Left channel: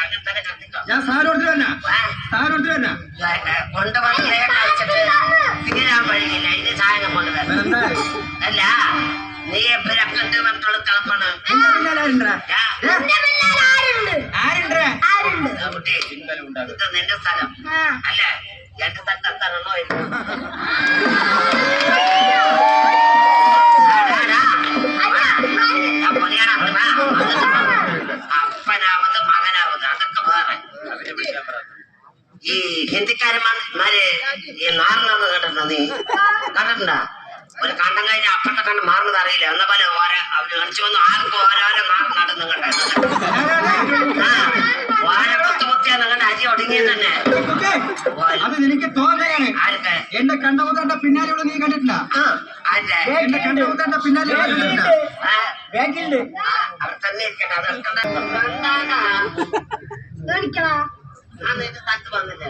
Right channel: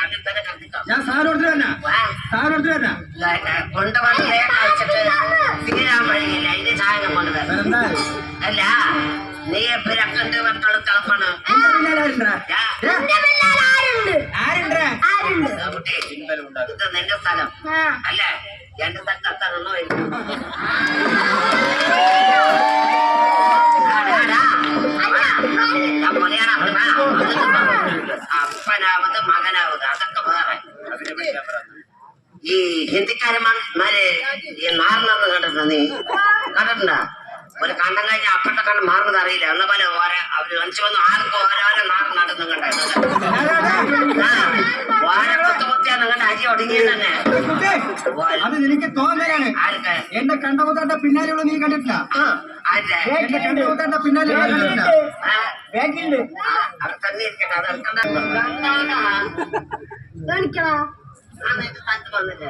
അതിൽ തന്നെ കത്തിക്കോ ഞാൻ ആ, സാധനം തന്നെ ഇതൊക്കെ കൊണ്ടുവന്നേ തീരാൻ വഴിയില്ല ഇനി സാധനം കൊണ്ടുവരണം വേറെന്താ അല്ല നീ എപ്പോഴും ഇത് നിന്റെ സ്ഥലം അല്ല എന്റെ തത്തറണോ അപ്പനാവത് മകനാവത് അതൊക്കെ വേറെ. ഈ ഹിന്ദിക്കാരന്മാര് ഈ നാറിനത് കേട്ടിട്ടുണ്ട് നീ കണ്ടിട്ടുണ്ട ഒരു കണ്ടം കഴിഞ്ഞ അപ്പത്തെ കണ്ട് മാറുന്നത് അറിയില്ല. എന്ന പോലെ ഓരോ അവർ കാണിച്ചു വന്നു ആർക്കും ഓരോരോ നാറ് നടന്നു കണ്ടത് ഓരോ കുത്തു കുത്തിയാ നിങ്ങളുടെ അരി ഒടുങ്ങിയത് തന്നെ. അത് നിനക്ക് തോന്നലാണ്. എന്റെ എന്റെ കണ്ടമുത്താണ്ട പിന്നാലെ നീ കണ്ടിട്ടില്ല? എന്റെ എന്റെ കണ്ടമുത്താണ്ട പിന്നാലെ കണ്ടിട്ടില്ല? ബാങ്കിലുണ്ട്. ആ, നിനക്ക് തത്ത് വന്നില്ലേ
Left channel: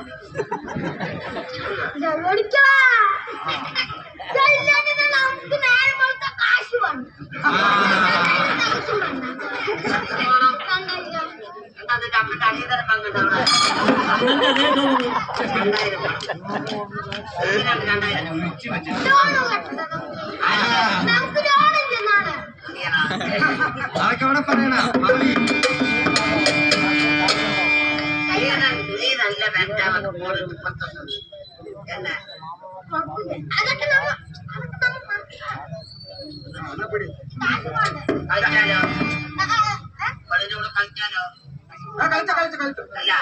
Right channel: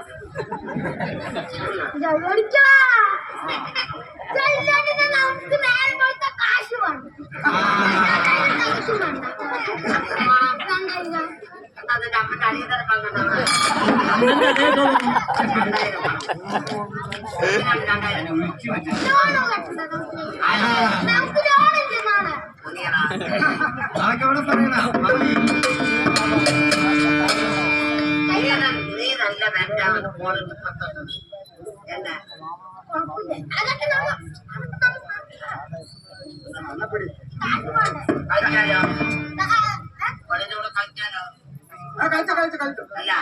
നമുക്ക് నాకెవడ పనేనా కలిచ కలిచ కలిచ అలా.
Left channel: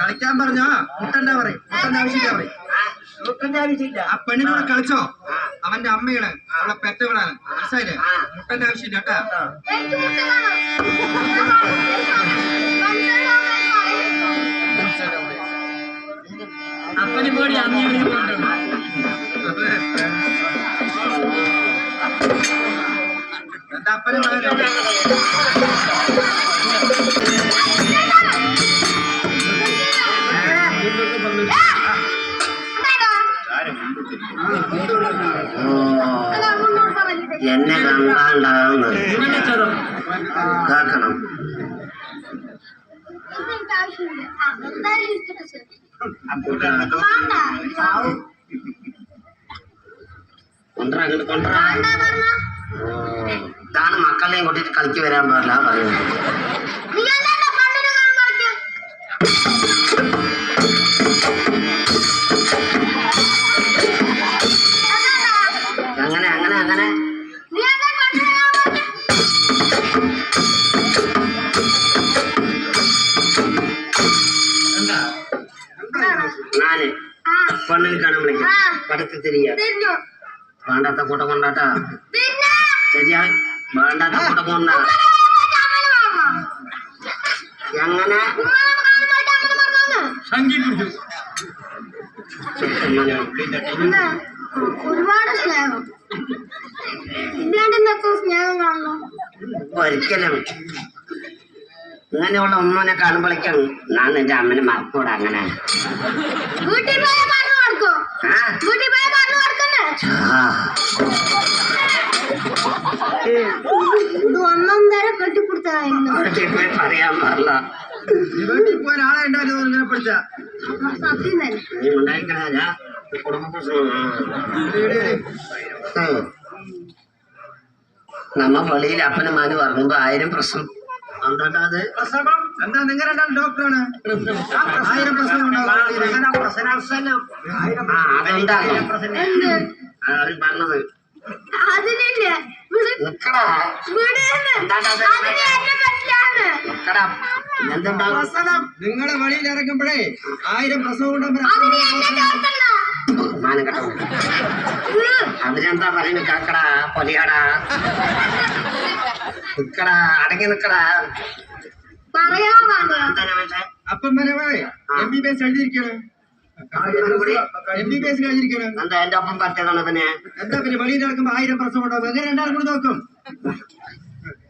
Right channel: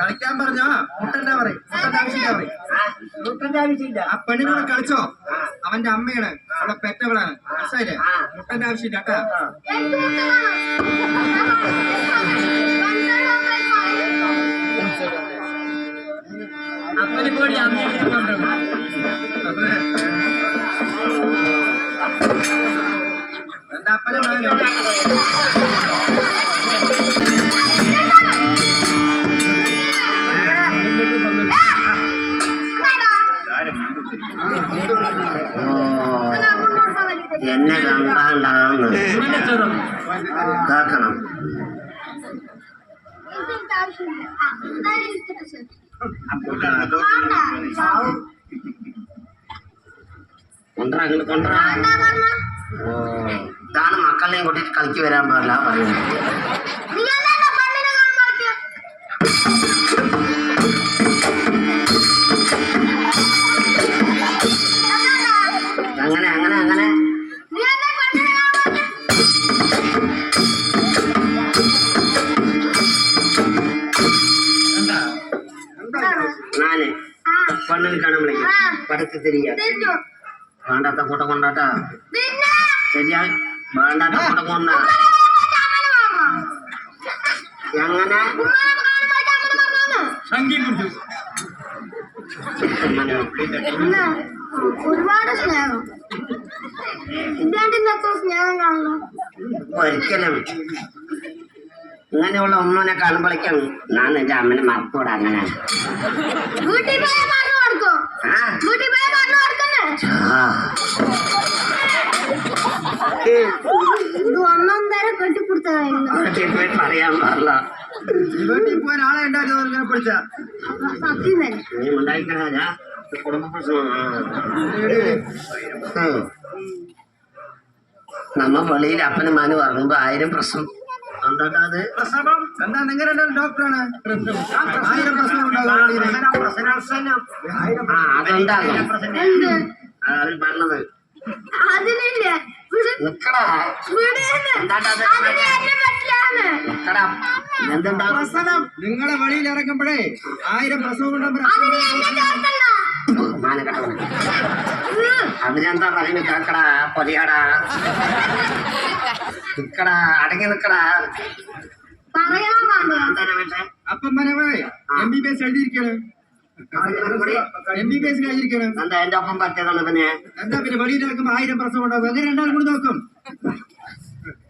കളിക്കാൻ പറഞ്ഞോ? മുട്ടന്റെ പറയും. മുട്ടന്റെ ആവശ്യമില്ല പറയും. മുട്ടന്റെ ആവശ്യമില്ല. ആ പെണ്ണിനോട് കളിച്ചോ? അവന്റെ അമ്മയാണ്. അവളെ പെറ്റവളാണ്. മനസ്സിലായില്ലേ? മുട്ടന്റെ ആവശ്യമില്ല കേട്ടാ. അപ്പനെ പേടി എന്താ എന്നെ കണ്ടാണ്ടാന്ന് കേക്കണം കൊണ്ടാ അങ്ങോട്ട് കൊണ്ടാ ഓ ഇതാണ് മക്കളെയും കൂട്ടിട്ട് കളിക്ക് വരാൻ പാടില്ല പറയുന്നത് പെണ്ണിന് കാണാൻ വിളിക്കും പടത്ത് തിരിയ. വേണ്ടാത്ത കൂട്ടം കൊണ്ടാട്ടാ. ശരിയാ. വേണ്ടാത്ത കൂട്ടം കൊണ്ട. എങ്ങനെ? പിടിച്ചു ഒരുപാട് സ്നേഹം. സ്നേഹം ഒരിക്കലും. ഇങ്ങനെയുള്ള ഉമ്മനെ കാണുമ്പോഴേക്കും ഞാൻ എന്റെ അമ്മനെ മറക്കൂടാ അങ്ങനെ. ഒന്നൊന്നര പറയാൻ പാടില്ല. വീട്ടിൽ ആളെ ഉണ്ടായിരുന്നു ഇങ്ങനെ പിടിച്ച. സത്യം തന്നെ. നീ ഉണ്ടായിക്കണ കുടുംബ നമ്മ പള്ളിയിൽ അപ്പനും മാനും ഇറങ്ങുമ്പോ ആയിരം പ്രശ്നം. എന്താ നിങ്ങൾ ഡോക്ടറാണ്? ആയിരം പ്രശ്നം ഉണ്ടാവും അതിനില്ലേ? നിങ്ങളെ വഴിയിൽ ഇറങ്ങുമ്പോഴേ ആയിരം പ്രസവം ഉണ്ടാകുമ്പോ അതിന് എന്നെ ചേർത്തണ്ട മാനം കെട്ടവനെ. വിട്. അതിനെന്താ പറയുന്നത് കേക്കടാ പൊലിയാടാ നിക്കടാ അടങ്ങി നിക്കടാ. പറയണോ വേണ്ടോ എന്താണ് മറ്റേ അപ്പം വരവേ എം ബി ബി എസ് എഴുതിയിരിക്കാണ്. എം ബി ബി എസ് കഴിഞ്ഞിരിക്കാണ് എന്താ എന്റെ ഒപ്പം പറ്റിയതാണ് പിന്നെ? എന്താ പിന്നെ വെളിയിൽ ഇറങ്ങുമ്പോ ആയിരം പ്രസവം ഉണ്ടാവും. എങ്ങനെ രണ്ടാളും കൂടി നോക്കും.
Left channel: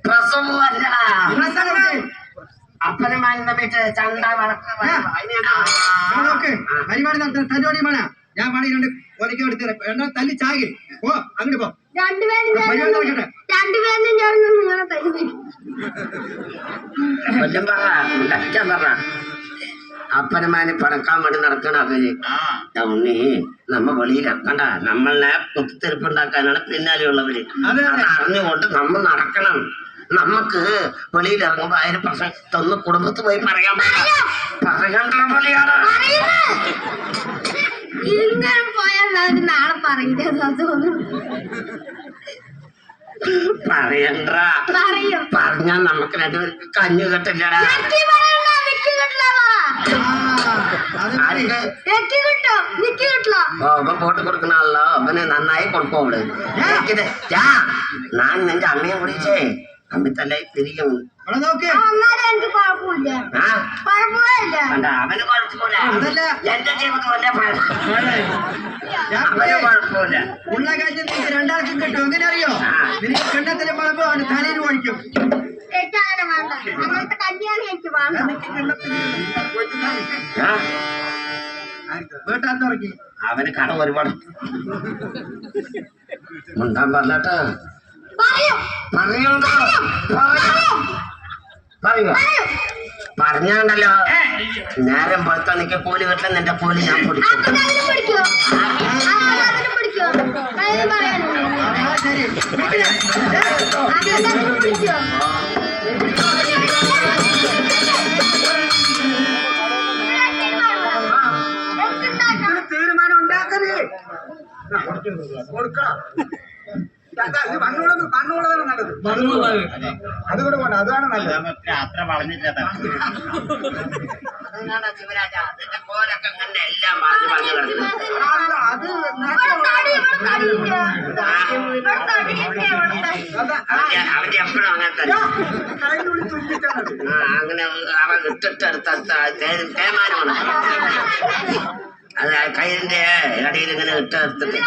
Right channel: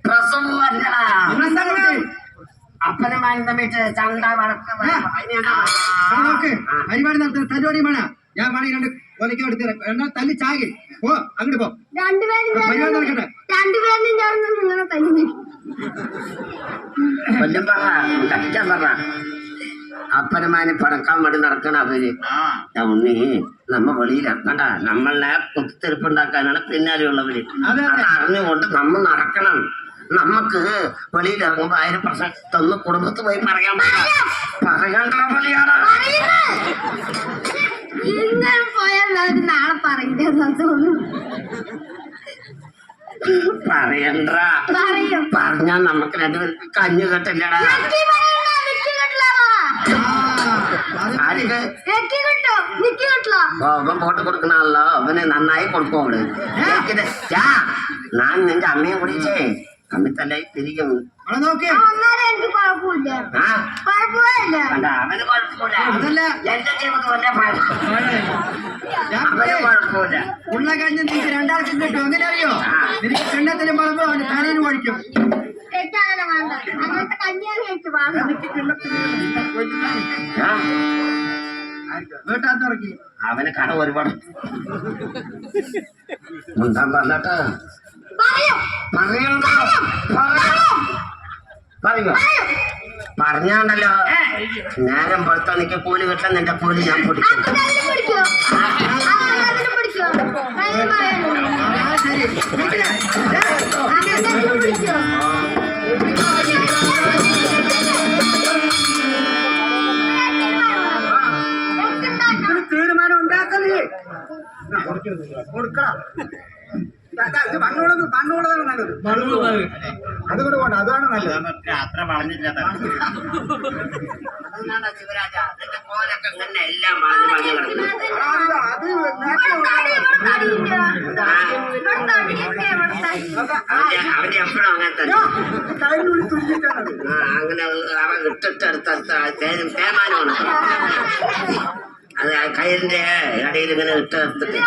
പ്രസവം അല്ലടാ. എന്താ നോക്ക്? അപ്പനും മാനും തമ്മിട്ട് ചണ്ട വഴക്ക് ഇവിടെ നോക്ക്. പരിപാടി നടത്തുന്ന പരിപാടി മണ ഞാൻ പണി രണ്ട് എടുത്ത് തരാം. തല്ലി ചാകി. പോ അങ്ങോട്ട് പോ. രണ്ടുപേരും ഞാൻ പരിപാടി നടക്കട്ടെ. ഞാൻ നിങ്ങളെ തല്ലി കൊല്ലം പറ കഷ്ടം പറ അപ്പനമാനെ പറക്കാൻ വേണ്ടി നടക്കണ അവർ. ഉണ്ണി നമ്മ വെളിയിലാക്കണ്ട നമ്മളെ പിന്നാലെയുള്ളവര്. അതെ, അത്. അതെ. അറിഞ്ഞുകൊണ്ട് നമ്മൾ നടക്കണം. നമുക്ക് വെളിയിൽ ഇറങ്ങുമ്പോ അതിന് പ്രസക്തൊന്ന് കുടുംബത്ത് പോയി പറയാൻ പറയണ്ട വിളിയാണ് അവർ നാളെ തോന്നുന്നു. പറയണ്ട. പറയും. പറഞ്ഞാ നമുക്ക് രണ്ട് കഞ്ഞു കെട്ടില്ലടാ. അത് അവൻ പോട്ട് കൊടുക്കണല്ലോ അവന് നന്നായി കൊടുക്കും അവൾ. ചാ ഞാൻ നിന്റെ അമ്മയെ വിളിച്ചേ. അമ്മ തന്നെ തിരിക്കും ആ, കണ്ട? അവന് കുഴപ്പമില്ല എന്റെ ജീവിതം എന്നെ കുഴപ്പമില്ല ഞാൻ അവന് ഉള്ള കാര്യം നിനക്ക് രണ്ടാൾക്കും കിട്ടും. അങ്ങനെ അറിയോ നിനക്ക് കണ്ണത്തിന് മുളമ്പ് അവന് തലയിൽ ഒഴിക്കും വീട്ടാൻ തുടങ്ങി. അവന് കട ഒരുപാട്. മുണ്ടാൻ പറഞ്ഞിട്ട് പറയോ. പറയണ്ട പറയോ. പറയോ. പറയും. പറഞ്ഞാണ്ടല്ലോ നേരം പുറത്ത് നിൽக்க കൂലി കിട്ടാൻ നിന്റെ കൂലി ഞാൻ പിടിക്കോ? തീരുമാനം ഉണ്ടാക്കത് കൊടുക്കണം. കണ്ണുള്ളതാണ് നല്ലത്. അതുകൂടെ വേണ്ട അതാണ് നല്ലത്. അത്ര വളഞ്ഞില്ല ശിവരാജ നിന്റെ കോലൊക്കെ എല്ലാം വളഞ്ഞു വളഞ്ഞു അത്. അവന്റെ എപ്പോഴും അങ്ങനെ തന്നെ. അവൻ ഇട്ടിട്ടെടുത്ത തേമാനമാണ് അത് കയ്യിന്റെ ഇടയിൽ ഇങ്ങനെ ഇട്ടെടുത്തിട്ട്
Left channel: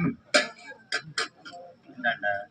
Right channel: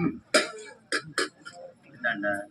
嗯。奶奶